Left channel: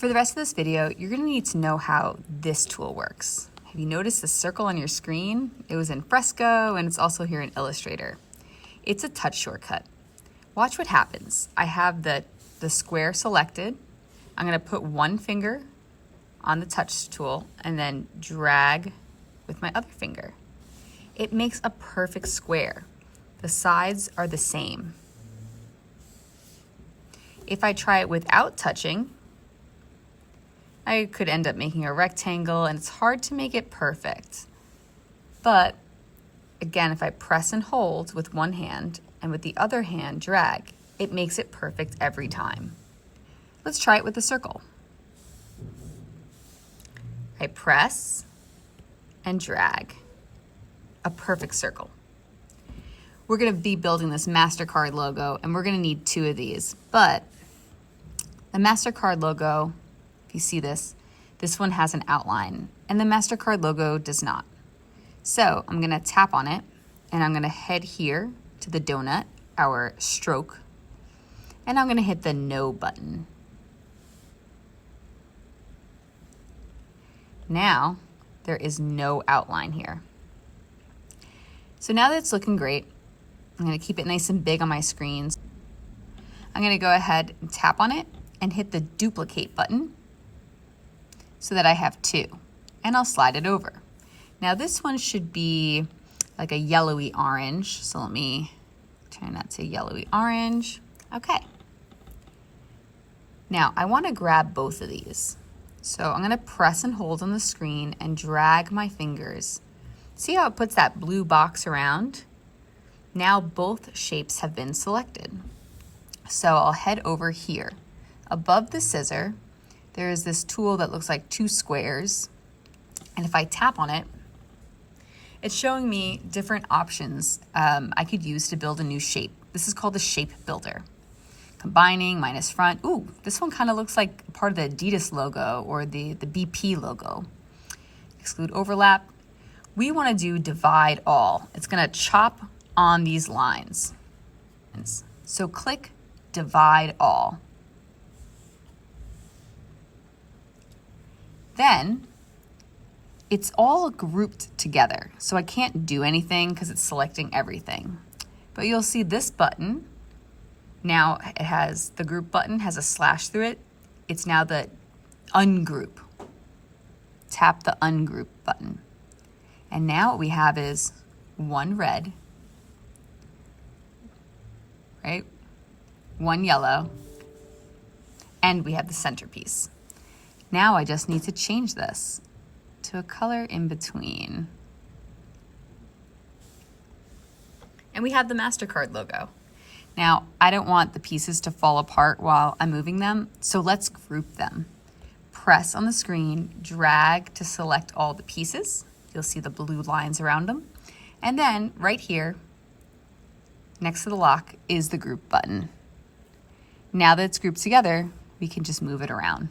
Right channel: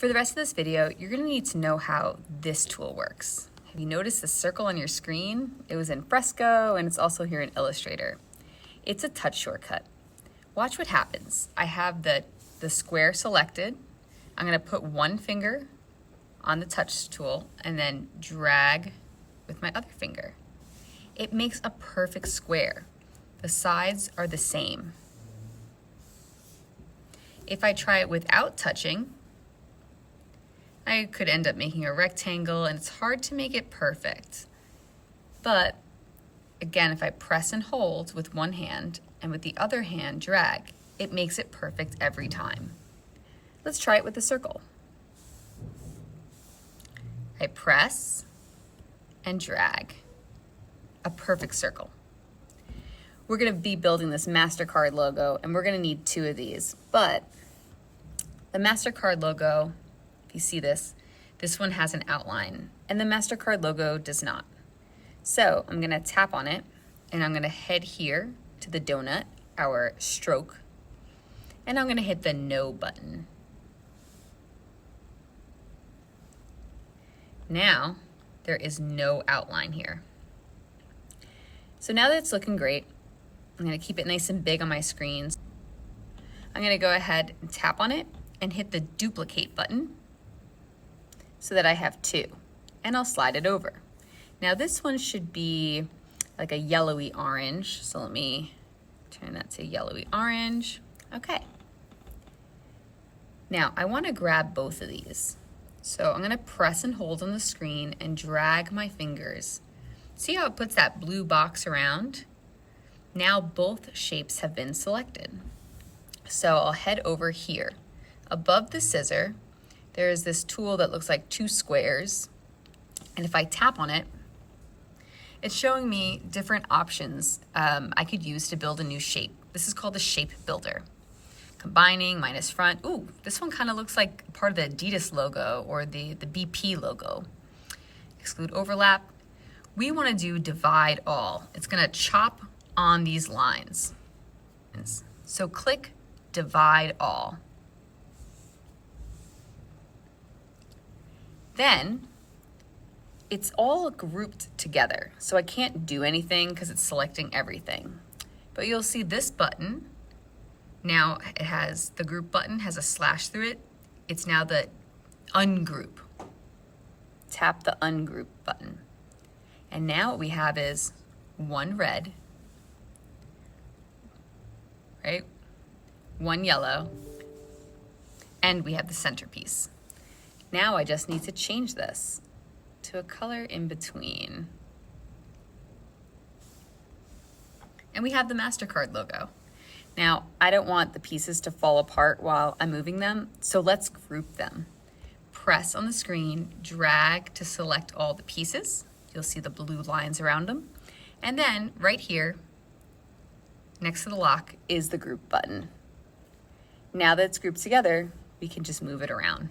For the rest of this video, you're gonna need to know how this tool works. Have you noticed the circle on your screen? It was in Fresco and it's also here in Illustrator. It's a touch shortcut. Watch what happens. I have the square selected. I'm gonna put one finger on the touch tool and then drag with my other finger. It makes a perfect square. The sides are the same. If I try it without touching, I could end up making a rectangle, and it's hard to make it perfect. But again, if I press and hold with one hand and with the other hand drag, it makes it perfect every time. Let's try it with the circle. I press and drag, a perfect circle. We're gonna be building this MasterCard logo, and we're gonna need two of these, but the MasterCard logo, if you see this one has an outline, and the MasterCard logo does not. So I'm gonna tap on it, and I'm gonna head here to the donut, our stroke, and I'm gonna hit the No button. Now, there is no outline here. So now that it's looking great, I'm gonna keep it nice and big on my screens. I'm gonna go ahead and tap on it and hit the duplicate button so that I have two, and I'll slide it over. Now this one should be like a yellowy orange, so let me turn that to yellowy orange. Okay. Now I wanna grab both of these. So I'm gonna press and hold on the screen and drag my fingers. See how it puts that blue box around? Now both shapes have been selected. So I'll head over here. Above the scissor, there is this tool that looks like two squares. And if I tap on it, it's showing me different options I could use to build a new shape. This is called the shape builder. Combining, minus front. Ooh, this one kind of looks like part of the Adidas logo or the BP logo. Exclude overlap. We want to do divide all. It's going to chop on these lines. So click divide all. Then it's all grouped together. So I can't do anything because it's selecting everything. But you'll see this button. Now it has, the group button has a slash through it. It's now the ungroup. Tap the ungroup button. And now what we have is one red, right? One yellow, and we have the centerpiece. Now I just need to change this to a color in between. And we have the MasterCard logo. Now, I don't want the pieces to fall apart while I'm moving them, so let's group them. Press on the screen, drag to select all the pieces. You'll see the blue lines around them. And then right here, next to the lock, is the group button. Now that it's grouped together, we can just move it around.